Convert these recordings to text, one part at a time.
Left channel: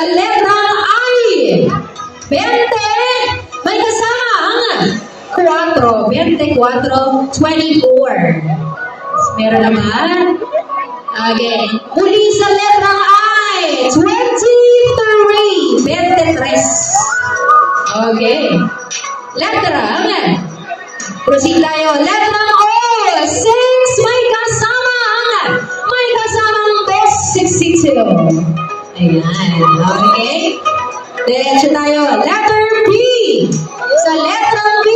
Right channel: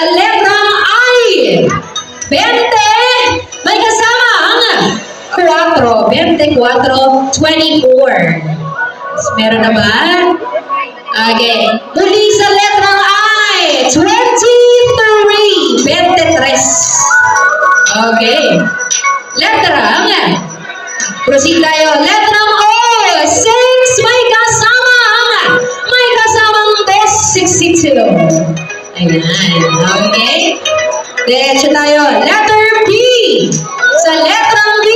Sa letrang I, 20. May kasama ang 4. 24, 24. Meron na ba? Okay. Muli sa letrang I, 23. 23. Okay. Letrang, proceed tayo. Letrang O, 6. May kasamang 62. Ayan. Okay. Diretso tayo. Letter B. Sa letrang B,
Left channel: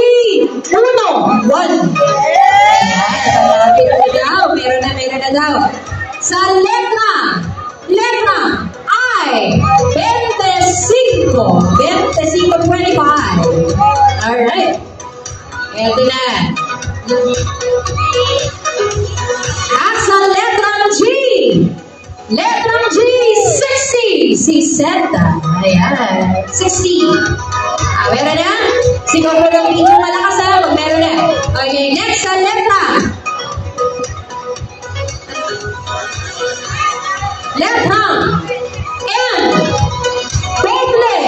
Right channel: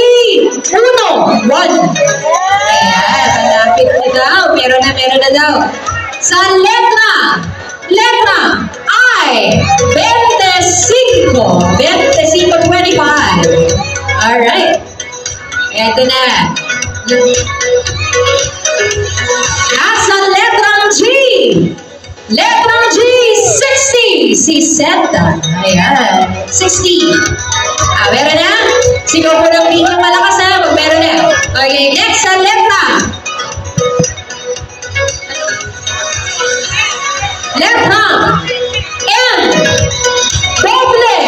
1. Ayan. Malapit na daw. Meron na daw. Sa letra I, 25. 25, 25. Alright. Eto na. At sa letrang G, 60. 60. Ayan. 60. Meron na? Sigaw po lang dito malakas ha. Pag meron na. Okay, next sa letra. Letrang N. Doble.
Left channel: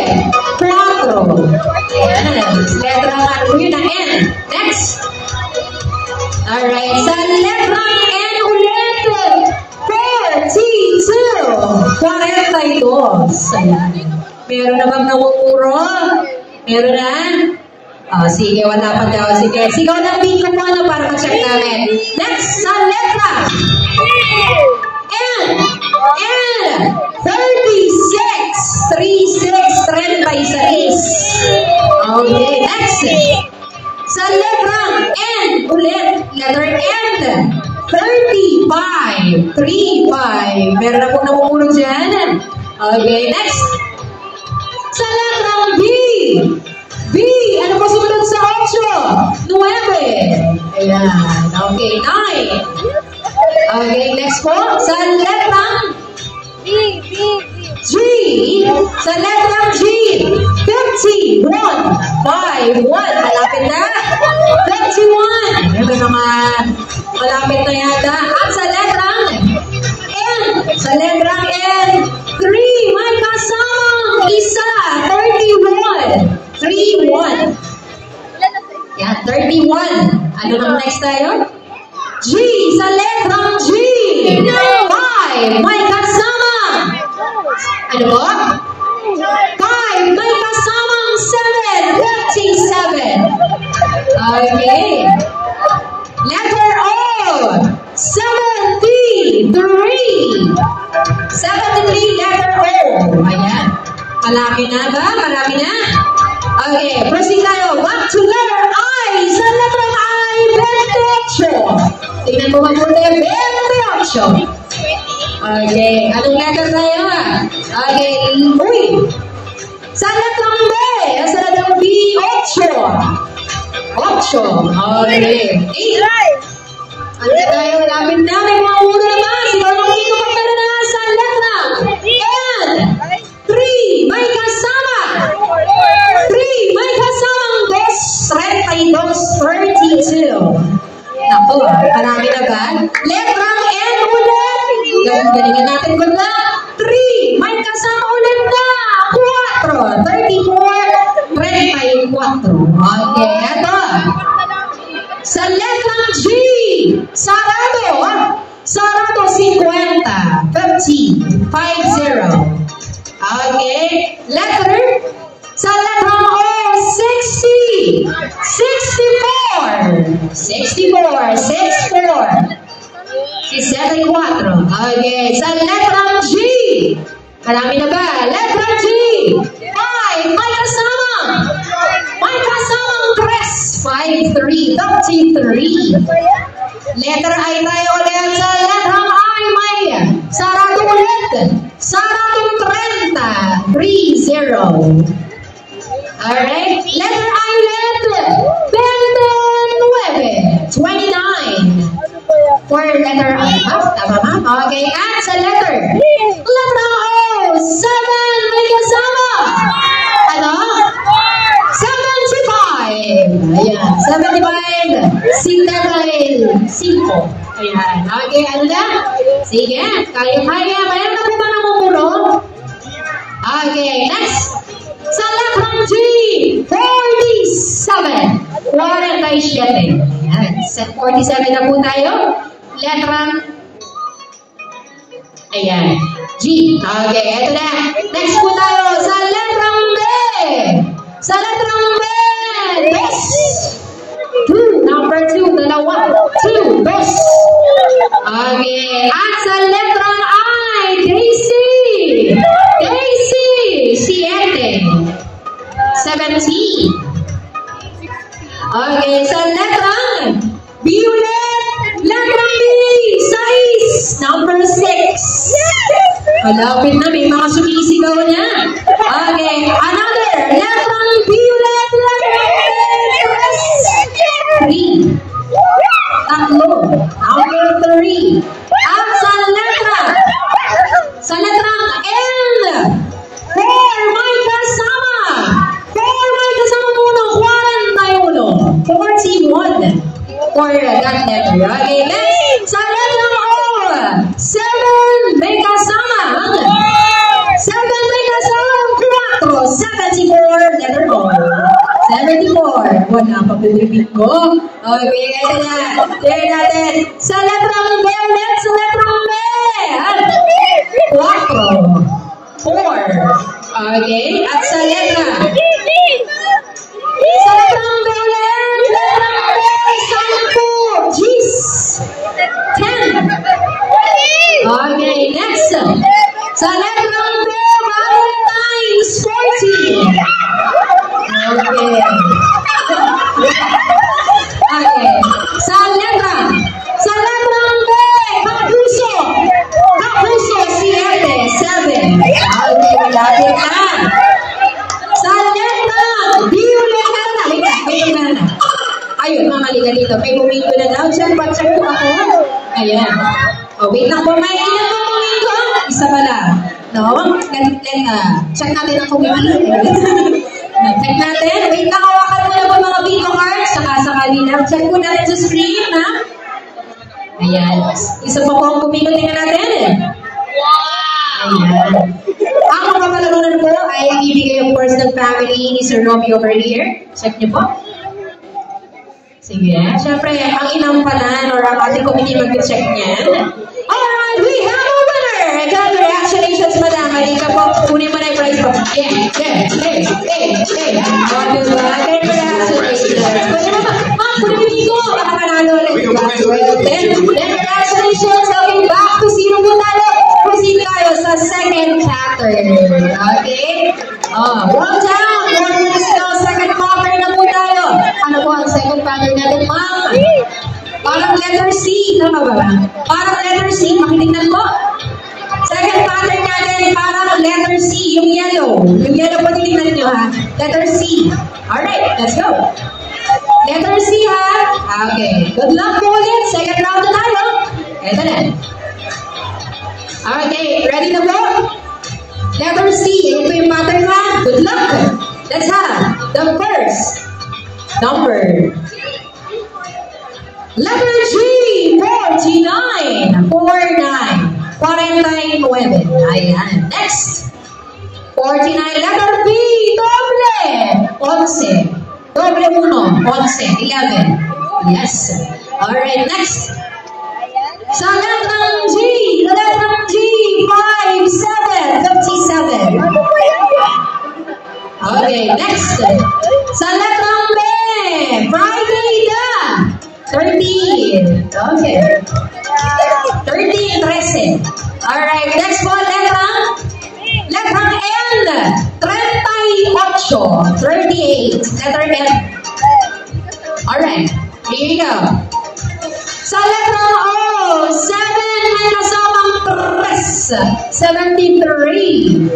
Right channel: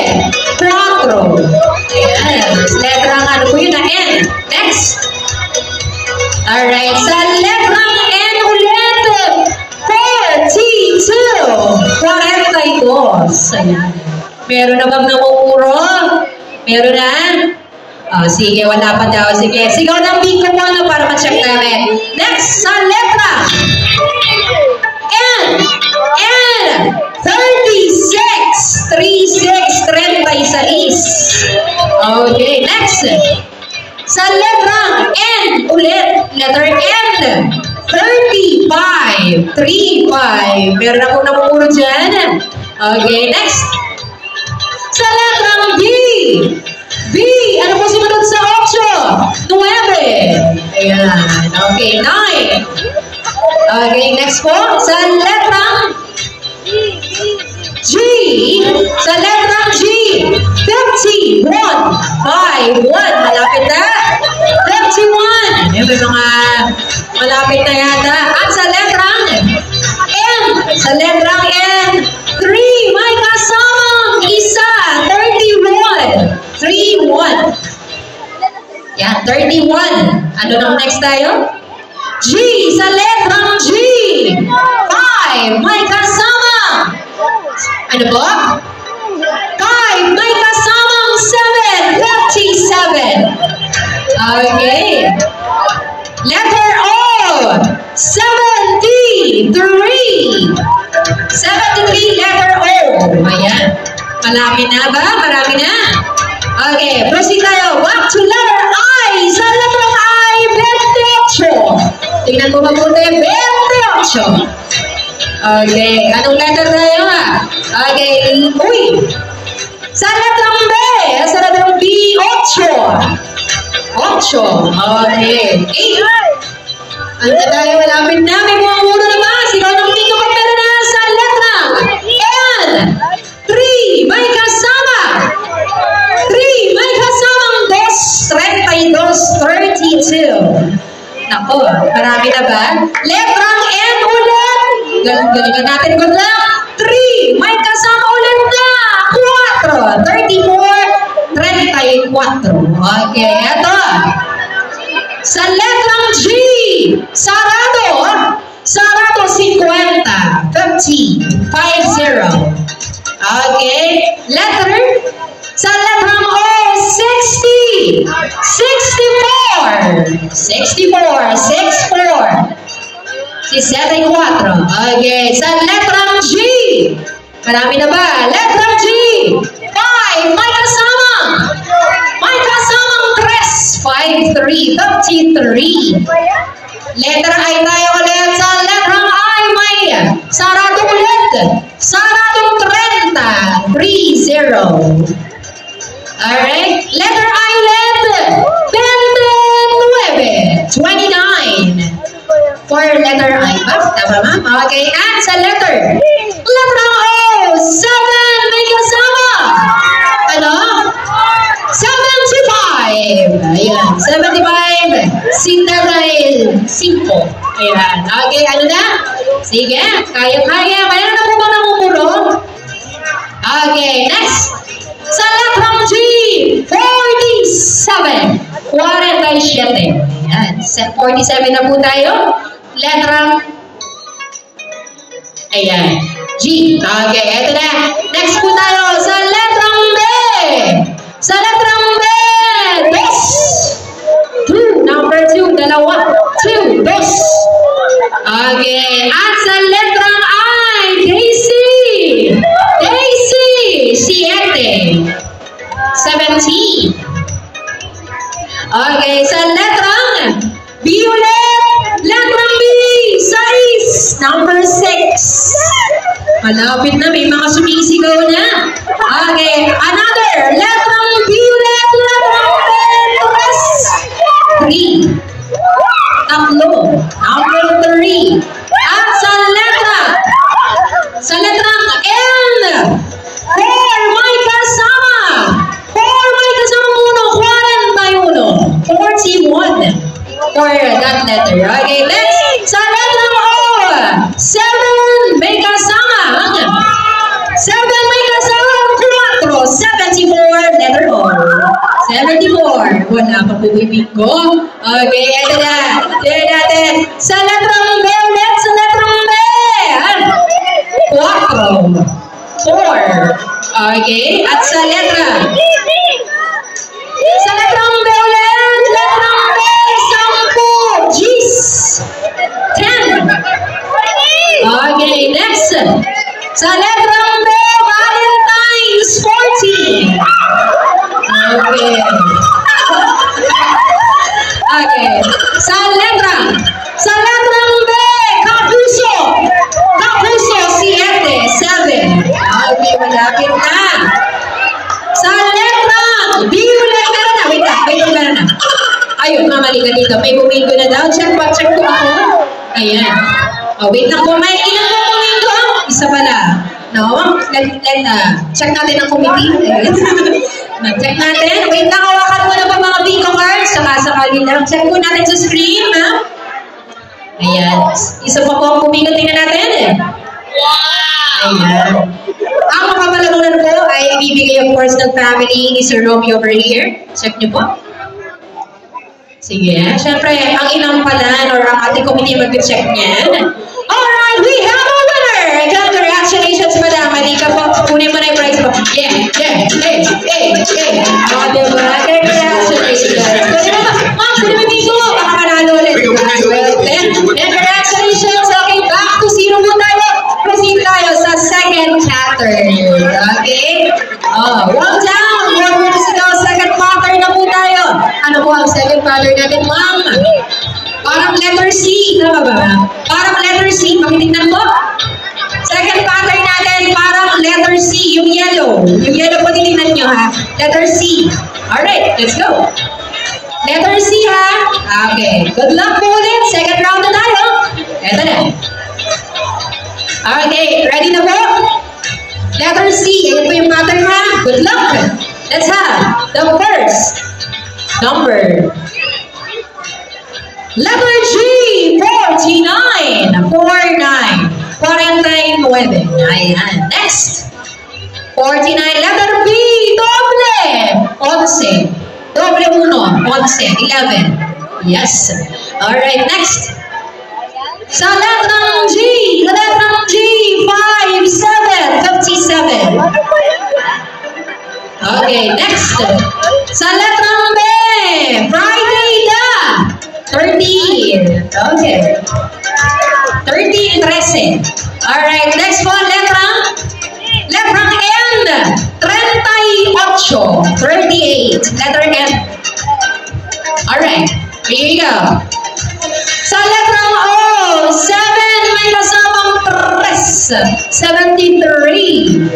4. Ayan. Letrang ano po yun na N. Next. Alright. Sa letrang N ulit. 42. 42. Ayan. Meron na bang namumuro? Meron na? Oh, sige, wala pa daw. Sige. Sigaw ng bingo mo ano para ma-check namin. Next. Sa letra N. 36. 36. Okay. Next. Sa letrang N ulit. Letter N. 35. 35. Meron na po namumuro dyan. Okay. Next. Sa letrang B. B. Ano po sumunod sa 8? 9. Ayan. Okay. 9. Okay. Next po. Sa letrang G. Sa letrang G. 51. 5. 1. Malapit na. 51. May mga malapit na yata. At sa letrang N. Sa letrang N. 3. May kasamang isa. 31. 31. Yan, 31. Ano nang next tayo? G. Sa letrang G. 5. May kasama. Ano po? 5. May kasamang 7. 57. Okay. Letter O. 73. 73 letter O. Ayan. Malaki na ba? Marami na? Okay. Proceed tayo. Back to letter I. Sa letter I, 28. Tingnan mo mabuti. 28. Okay. Anong letter tayo ha? Okay. Uy. Sa letrang B. Sa letrang B, 8. 8. Okay. 8. Ano na tayo? Malapit na. May mga ulo naman. Sigaw ng dito pag meron na sa letrang N. 3. May kasama. 3. May kasamang 32. Naku, marami na ba? Letrang N ulit. Galingan natin. Good luck. 3. May kasama ulit na 4. 34. 34. Okay, eto. Sa letrang G, sarado. Sarado 50. 50. 50. Okay. Letter. Sa letrang O, 60. 64. 64. 64. 64. Okay. Sa letrang G, marami na ba? Letrang G, 5. May kasama. May kasamang 3. 53. 53. Letter I tayo ulit. Sa letrang I, may sarado ulit. Saradong 30. 30. Alright. Letter I ulit. 29. 29. For letter I. Tama ma'am? Okay. At sa letter O, 7. May kasama. Ano? 75. Ayan. 75. Sinta dahil 5. Ayan. Okay. Ano na? Sige. Kaya-kaya. Mayroon na po ba namumuro? Okay. 47 na po tayo. Letrang, ayan, G. Okay, eto na. Next po tayo sa letrang B. Sa letrang B, dos. 2, number 2, dalawa. 2, dos. Okay, at sa letrang I, Daisy. Daisy, 7. 17. Okay, sa letrang B ulit. Letrang B, 6. Number 6. Malapit na, may mga sumisigaw na. Okay, another. Letrang B ulit. Letrang B, 3. Tatlo. Number 3. At sa letrang N, 4, may kasama. 4, may kasama muna. 41. 41 for that letter. Okay, next. Sa letrang O, 7, may kasama. 7, may kasama. 4, 74. Letter O. 74. Wala pa po ibig ko. Okay, ito na. Tignan natin. Sa letrang B ulit. Sa letrang B. 4. 4. Okay, at sa letrang B ulit. Letrang B. 10. G's. 10. Okay, next. Sa letrang B, Valentine's, 40. Okay. Okay. Sa letrang B, Kapuso. Kapuso, 7. Okay, malapit na. Sa letrang B ulit. Wait na. Ayun, mamali ka dito. May bumingo na daw. Check ko ako. Ayan. Oh, wait lang po. May ilan po bumingo? Isa pala. No? Check natin ang committee. Check natin. Wait lang, hawakan mo na po mga bingo cards. Sakasakali lang. Check po natin sa screen, ha? Ayan. Isa pa po ang bumingo. Tingnan natin. Ayan. Ang mapapalagunan po ay ibibigay of course ng family ni Sir Romeo over here. Check niyo po. Sige. Siyempre, ang inampalan or ang ating committee mag-check niyan. Alright, we have a winner! Congratulations, madam. Halika po. Kunin mo na yung prize po. Yeah. O, diba? Congratulations. Kunin mo ba? Ma'am, kunin mo dito. Baka manalo ulit. Congratulations. Okay, back to 0 po tayo. Proceed tayo sa second pattern. Okay? One down. One more to go. Second pattern na po tayo. Ano po ang second pattern natin, ma'am? Parang letter C. Tama ba? Parang letter C. Pakitignan po. Second pattern natin, parang letter C. Yung yellow. Yung yellow po, titignan nyo, ha? Letter C. Alright, let's go. Letter C, ha? Okay. Good luck po ulit. Second round na tayo. Eto na. Okay, ready na po? Letter C. Ayan po yung pattern, ha? Good luck. Let's have the first number. Letter G, 49. 49. Ayan. Next. 49. Letter B, doble. 11. Doble 1. 11. 11. Yes. Alright, next. Sa letrang G, 5, 7, 57. Okay, next. Sa letrang B, Friday na, 13. Okay. 13, 13. Alright, next po, letrang N, 38. 38. Letter N. Alright, here you go. Sa letrang O, 7, may kasamang 3. 73.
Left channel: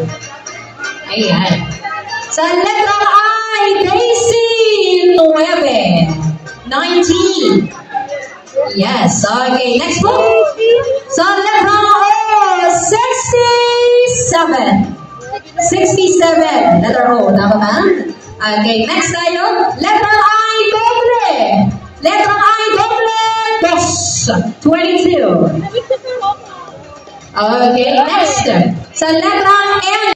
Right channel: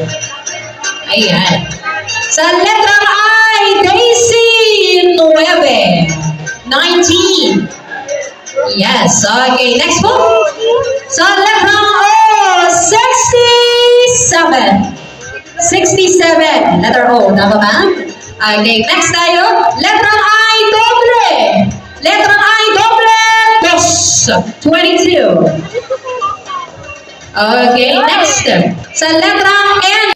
Ayan. Sa letrang I, Daisy, 9. 19. Yes. Okay. Next po. Sa letrang O, 67. 67. Letter O. Tama ba? Okay. Next tayo. Letrang I, doble. Letrang I, doble. 22. Okay. Next. Sa letrang